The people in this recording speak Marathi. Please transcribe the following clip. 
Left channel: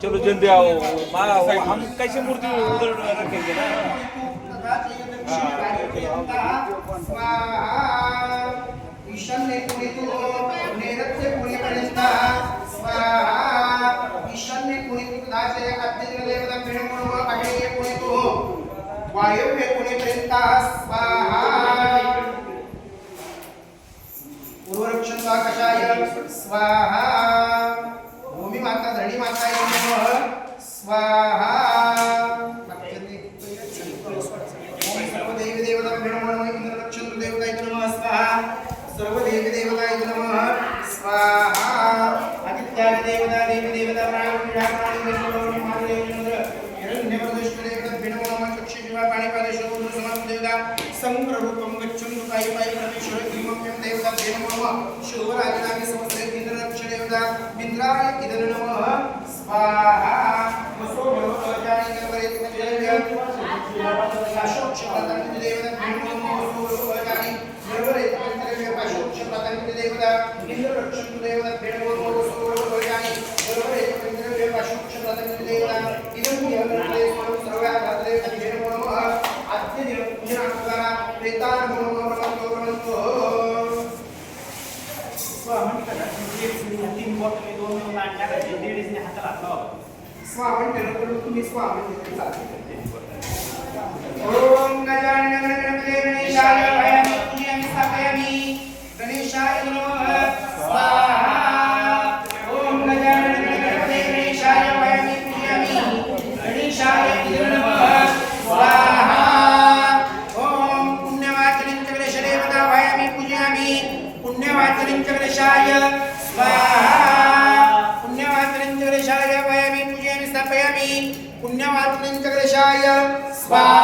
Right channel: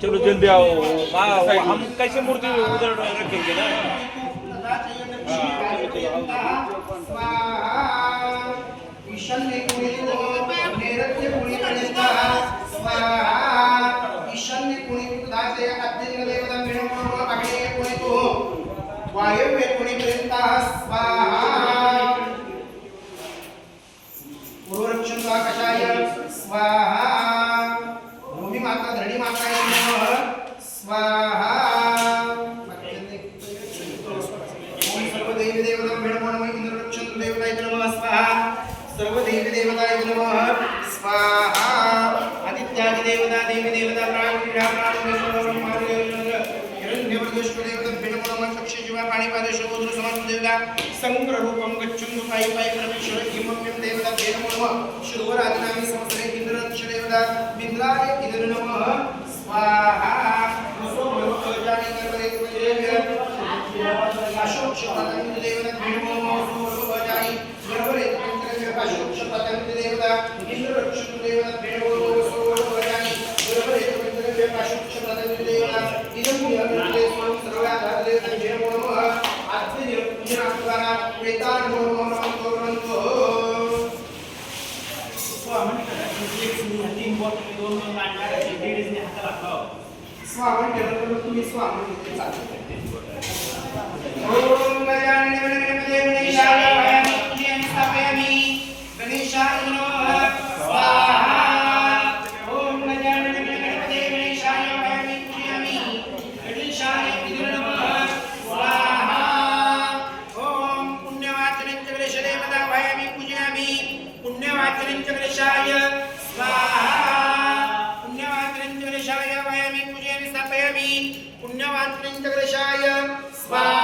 चलो जन दिया हम कैसे मूर्ति उधर रखेंगे ना। ईशान्य कोणीतून नैऋत्य कोणीपर्यंत स्वाहा ईशान्य कोणीतून दाचे अग्निदेव देवता मिळवून अग्नेय कोणीतून वायव्य कोणीपर्यंत स्वाहा पूर्वरक्षण कषाय स्वाहा भूमी माता धरणी माता स्वाहा ओम सर्व देवी देवता नमः इंद्ररक्षण देवताय नमः स्वाहा सर्व देवी देवताय नमः स्वाहा आदित्यादि देवता देवी देवता प्राण ब्राह्मण हिरण्यवर्धश्व देवता नमः चक्षु जीवा पाणिपादेश रुद्र समास देवता समग्र रूपम गच्छन्तु पायि पायि प्रविश्य हिमम्यं देवता नमः शुभरात्रि संवत्सरे इंद्ररक्षण देवता मित्राय इदं नमः स्वाहा जानी करवले तुझे अशोक पतंग देवता भेणो जानी करवले तुझे अशोक पतंग देवता इंद्ररक्षण देवता भेणो जानी करवले तुझे अशोक पतंग देवता इदं यज्ञे सर्वाधार देवता भेणो नमः आद्य देवता पूजना प्रेतान नमो स्वामी तीन बॉट में दोन लाइन करायचे लेडीज ने हाताला लावा स्वामी केलं तुम्ही स्वामी ओम गजानन गणेशाय वयं पूजयामि स्थापयामि गणेशाय नमः स्वाहा ओम गजानन गणेशाय वयं पूजयामि गणेशाय नमः स्वाहा ओम पुण्यवाचनं च गणेशदेवता वयं पूजयामि पुण्यवाचनं च गणेशाय स्वाहा पुण्यवाचनं च गणेशाय वयं पूजयामि स्थापयामि पुण्यवाचनं च गणेशाय स्वाहा